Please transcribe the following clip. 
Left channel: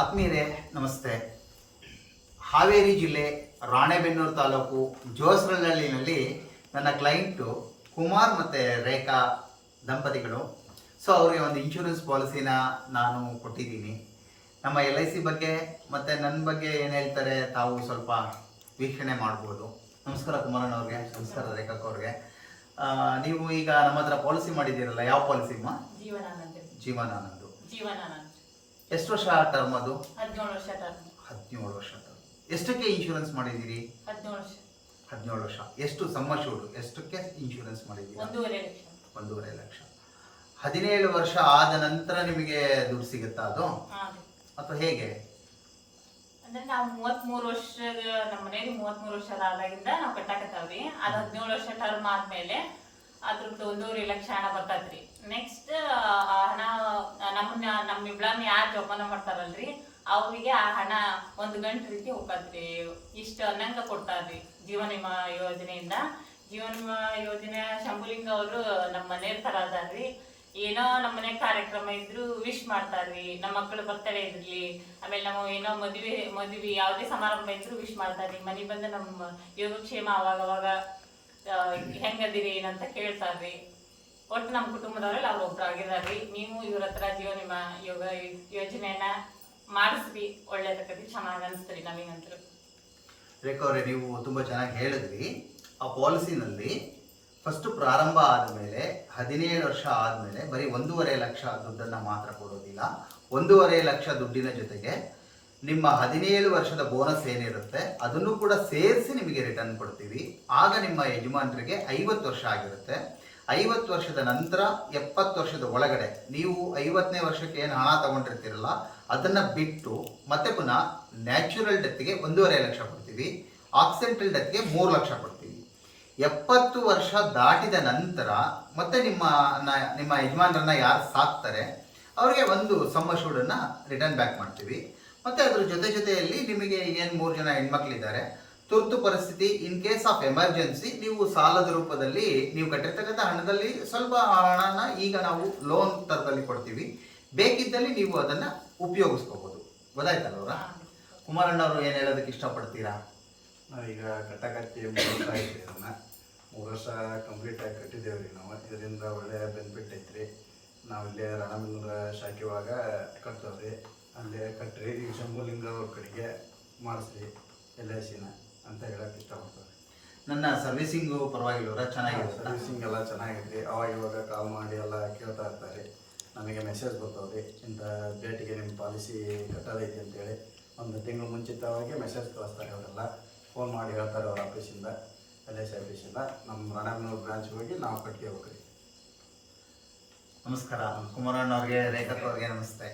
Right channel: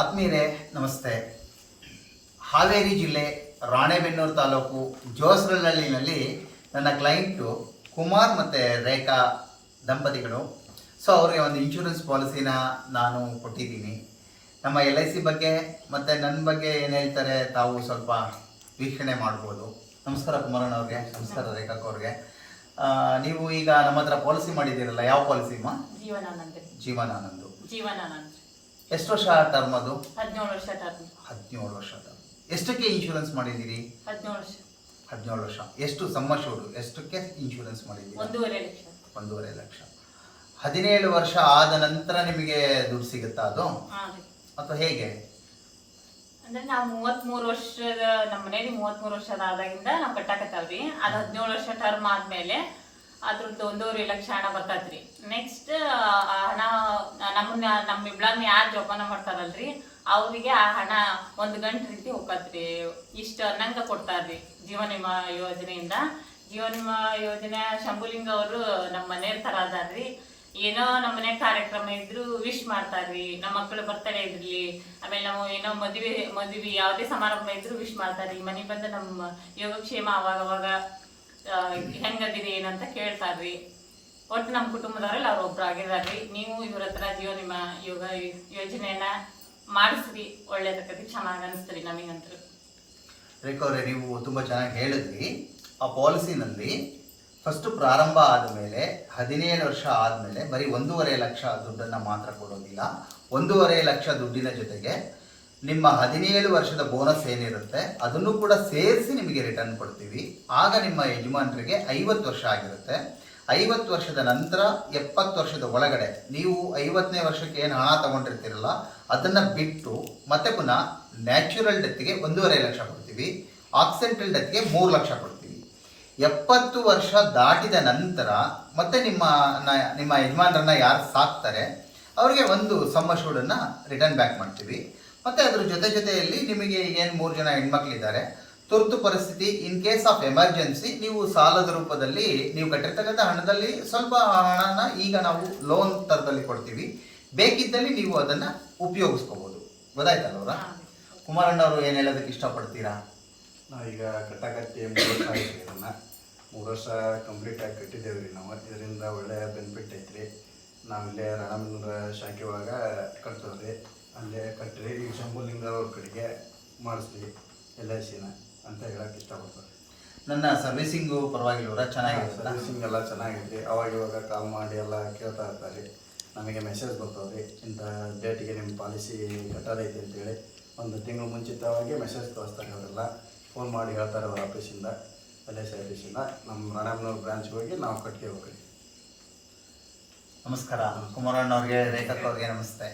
ಆತ್ಮೀಯರೇ ನಮಸ್ತೆ. ಹಾವೇರಿ ಜಿಲ್ಲೆ ರಾಣೆಬೆನ್ನೂರು ತಾಲೂಕು ಜೋಸ್ರಹಳ್ಳಿನಲ್ಲಿ ನನ್ನ ಕ್ಲೈಂಟು ಕುಮಾರ್ ಮತ್ತು ರೇಖಾ ದಂಪತಿಗಳು. ಸೊ ಅವ್ರಿಗೆ ಒಂದು ಇನ್ಶೂರೆನ್ಸ್ ಪಾಲಿಸಿನ ನಾನು ಕೊಟ್ಟಿದ್ದೀನಿ. ನಮ್ಮ LIC ಬಗ್ಗೆ ಮತ್ತು ನನ್ನ ಬಗ್ಗೆ ಏನು ಹೇಳ್ತಾರೆ ತಾವು ಸ್ವಲ್ಪ ವೀಕ್ಷಣೆ ಮಾಡ್ಬೋದು. ನಮಸ್ಕಾರ ಕುಮಾರಣ್ಣ ಅವ್ರಿಗೆ. ನಮಸ್ಕಾರ ರೇಖಾ ಅವ್ರಿಗೆ. ನೀವು ಈಗ ನಮ್ಮ ಹತ್ರ ಪಾಲಿಸಿ ಮಾಡಿದ್ದೀರಲ್ಲ, ಯಾವ ಪಾಲಿಸಿ ಅಮ್ಮ? ಜೀವನಾನಂದ್. ಎಷ್ಟು ವರ್ಷ ಟರ್ಮ್ ಅದು? 17 ವರ್ಷ ಟರ್ಮ್. 17 ವರ್ಷ ಟರ್ಮ್. ಎಷ್ಟಕ್ಕೆ ಇನ್ಶೂರೆನ್ಸ್ ಮಾಡಿದ್ದೀರಿ? 17 ವರ್ಷ. ಎಷ್ಟು ಸಮ್ಮಶೂರು ಎಷ್ಟಕ್ಕೆ ಇನ್ಶೂರೆನ್ಸ್ ಮಾಡಿದ್ದೀರಿ? 1.5 ಲಕ್ಷ. 17 ವರ್ಷ ಆದ ನಂತರ ನಿಮಗೆ ದುಡ್ಡು ಸಿಗುತ್ತಾ ಅದು ಅಥವಾ ಹೇಗೆ? ಅಂದ್ರೆ ನಾವು 33 ವರ್ಷದ ನಮ್ಮ ಮನೇಲಿ 33 ವರ್ಷದ ಆದಾಗಿಂದ ನಾವು ಕಟ್ಟಾಕತ್ತಾವ್ರಿ. ಅದು 17 ವರ್ಷ ಟರ್ಮ್ ಆದ್ಮೇಲೆ ಅದ್ರದ್ದು 1.5 ಲಕ್ಷ ಹಣ ಬರ್ತೈತ್ರಿ. ನೆಕ್ಸ್ಟ್ ಹಣ ನಮ್ಮ ಇಬ್ಳನ್ನ ಯಾರು ಜೋಪಾನ ಮಾಡ್ತಾರಲ್ರಿ ಅವ್ರಿಗೆ ಆ ಹಣ 1 ಗಂಟೆ ರೀತಿ ಹೋಗತ್ರಿ. ಇಷ್ಟು ಅನ್ನಂಗ ಕೊಡ್ತಾರ್ರಿ ಜೀವನ ವಿಮಾ ಯೋಜನೆಯಿಂದ. ಜೀವನ ವಿಮಾ ಯೋಜನೆ ಶಂಭುಲಿಂಗ ಅವರು ನಮ್ಮ ಮನೆಯ ತರ ಅದಾರ್ರಿ. ಏನೋ ನಮ್ಮ ಮನೆ ಕಾರ್ಯಕ್ರಮ ಇದ್ರು ವಿಶ್ ಮಾಡ್ತಾರ್ರಿ. ನಮ್ಮ ಮಕ್ಕಳು ಬರ್ತಡೇ ಇರ್ಲಿ, ಆಮೇಲೆ ನಾವು ಏನೋ ಮದುವೆ ಯಾವುದೇ ಸಮಾರಂಭ ಇದ್ರು ವಿಶ್ ಮಾಡ್ತಾರ್ರಿ. ಮನೆಗೆ ಬಂದು ನಮ್ಮ ಯೋಗಕ್ಷೇಮ ಅವಾಗ ಹೆಂಗದಿರಿ ಏನಂತ ಕೇಳ್ತಾರ್ರಿ. ಒಟ್ಟು ನಮ್ಮ ಕುಟುಂಬದವರಲ್ಲಿ ಅವ್ರು ಒಬ್ರು ಆಗಿದಾರ್ರಿ. ನೀವು ಇವ್ರ ಹತ್ರ ಜೀವನ ವಿಮಾ ಯೋಜನೆಯನ್ನ ಮಾಡಿಸ್ರಿ, ಒಳ್ಳೇದಕ್ಕತಿ ಚೆನ್ನಾಗಿ ಅನಿಸ್ತೀರಿ ನಮಗಂತೂ. ರೇಖಾ ಅವರೇ, ನೀವು ತುಂಬ ಚೆನ್ನಾಗಿ ಹೇಳಿದ್ರಿ. ಆ ಪಾಲಿಸಿನಲ್ಲಿ ಫಸ್ಟ್ ಪ್ರಾರಂಭ ಆದಮೇಲೆ 17 ವರ್ಷ ಆದಮೇಲೆ ಬರೀ 1.5 ಲಕ್ಷ ದುಡ್ಡನ್ನು ಮಾತ್ರ ಕೊಡೋದಿಲ್ಲ. 1.5 ಲಕ್ಷ ದುಡ್ಡಿನ ಜೊತೆಗೆ ನಿಮ್ಮ 17 ವರ್ಷದ ಬೋನಸ್ ಏನಿರುತ್ತೆ ಅದನ್ನು ಕೂಡ ಸೇರಿಸಿ ನಿಮಗೆ ರಿಟರ್ನ್ ಕೊಡ್ತೀವಿ. ಆಗ ನಿಮ್ಮ ಯಜಮಾನರಿಗೆ 50 ವರ್ಷ ಆಗಿರುತ್ತೆ. 50 ವರ್ಷದ ನಂತರ 70 ವರ್ಷದ ಒಳಗಡೆ ನೀವು 50ನೇ ವರ್ಷಕ್ಕೆ ಏನು ಹಣ ತಗೊಂಡಿರ್ತೀರಲ್ಲ ಅದನ್ನು ಬಿಟ್ಟು ಮತ್ತೆ ಪುನಃ ನ್ಯಾಚುರಲ್ ಡೆತ್ಗೆ 1.5 ಲಕ್ಷ ಕೊಡ್ತೀವಿ. ಆಕ್ಸಿಡೆಂಟಲ್ ಡೆತ್ಗೆ 3 ಲಕ್ಷ ಕೊಡ್ತೀವಿ. 70 ವರ್ಷ ದಾಟಿದ ನಂತರ ಮತ್ತೆ ನಿಮ್ಮ ಯಜಮಾನರನ್ನ ಯಾರು ಸಾಕ್ತಾರೆ ಅವರಿಗೆ ಒಂದು ಸಮ್ಮಶೂಡನ್ನು ರಿಟರ್ನ್ ಬ್ಯಾಕ್ ಮಾಡ್ತೀವಿ. ಮತ್ತು ಅದ್ರ ಜೊತೆಯಲ್ಲಿ ನಿಮಗೆ ಏನು 3 ಜನ ಹೆಣ್ಮಕ್ಳಿದ್ದಾರೆ, ತುರ್ತು ಪರಿಸ್ಥಿತಿ ಇನ್ ಕೇಸ್ ಆಫ್ ಎಮರ್ಜೆನ್ಸಿ ನೀವು ಸಾಲದ ರೂಪದಲ್ಲಿ ನೀವು ಕಟ್ಟಿರ್ತಕ್ಕಂಥ ಹಣದಲ್ಲಿ ಸ್ವಲ್ಪ ಹಣನ ಈಗ ನಾವು ಲೋನ್ ಥರದಲ್ಲಿ ಕೊಡ್ತೀವಿ. ಬೇಕಿದ್ದಲ್ಲಿ ನೀವು ಅದನ್ನು ಉಪಯೋಗಿಸ್ಕೋಬೋದು. ಗೊತ್ತಾಯ್ತಲ್ವರ? ಕುಮಾರಣ್ಣವರು ಏನು ಹೇಳೋದಕ್ಕೆ ಇಷ್ಟಪಡ್ತೀರಾ? ನಾವೀಗ ಕಟ್ಟಕಟ್ಟಿ 3 ವರ್ಷ ಆಯ್ತು. ಇದನ್ನು 3 ವರ್ಷ ಕಂಪ್ಲೀಟಾಗಿ ಕಟ್ಟಿದ್ದೇವೆ ರೀ ನಾವು. ಇದರಿಂದ ಒಳ್ಳೆಯ ಬೆನಿಫಿಟ್ ಐತ್ರಿ. ನಾವಿಲ್ಲೇ ರಾಣೆಬೆನ್ನೂರ ಶಾಖೆ ಒಳಗ ಕಟ್ತೇವ್ರಿ. ಅಲ್ಲೇ ಕಟ್ಟ್ರಿ ಈ ಶಂಭುಲಿಂಗವ್ರ ಕಡೆಗೆ ಮಾಡಿಸ್ರಿ LICನ ಅಂತ ಹೇಳಕ್ಕೆ ಇಷ್ಟಪಡ್ತಾರೆ. ನನ್ನ ಸರ್ವಿಸಿಂಗು ಪರವಾಗಿಲ್ಲವರ? ಚೆನ್ನಾಗಿದೆ. ಸರ್ವಿಸಿಂಗ್ ಎಲ್ಲ ಚೆನ್ನಾಗಿದೆ. ಅವಾಗ ಇವಾಗ ಕಾಲ್ ಮಾಡಿ ಎಲ್ಲ ಕೇಳ್ತಾ ಇರ್ತಾರೆ. ನಮಗೆ ಮೆಸೇಜ್ ಬರ್ತಾವ್ರಿ, ಇಂಥ ಡೇಟಿಗೆ ನಿಮ್ಮ ಪಾಲಿಸಿ ಕಟ್ಟೋದೈತೆ ಅಂತೇಳಿ. 1 ತಿಂಗಳು ಮುಂಚಿತವಾಗಿ ಮೆಸೇಜ್ ಕಳಿಸ್ತಾರೆ. ಅವರೆಲ್ಲ ಫೋನ್ ಮಾಡಿ ಹೇಳ್ತಾರೆ ಅವ್ರ ಆಫೀಸಿಂದ, LIC ಆಫೀಸಿಂದ. ನಮ್ಮ ರಾಣೆಬೆನ್ನೂರು ಬ್ರಾಂಚ್ಗೆ ಹೋಗಿ ನಾವು ಕಟ್ಗೆ ಹೋಗ್ರಿ. ನಮಸ್ಕಾರ ಕುಮಾರಣ್ಣವ್ರಿಗೆ, ರೇಖಾ ಅವ್ರಿಗೆ ನಮಸ್ತೆ.